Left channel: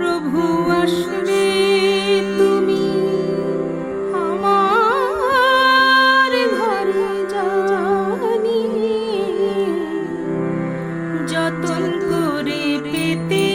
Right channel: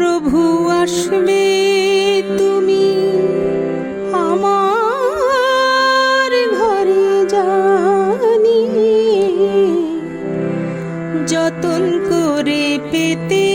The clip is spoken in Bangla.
প্রভু আসবে তুমি আমার ঘরে জানি যতন করে পেতে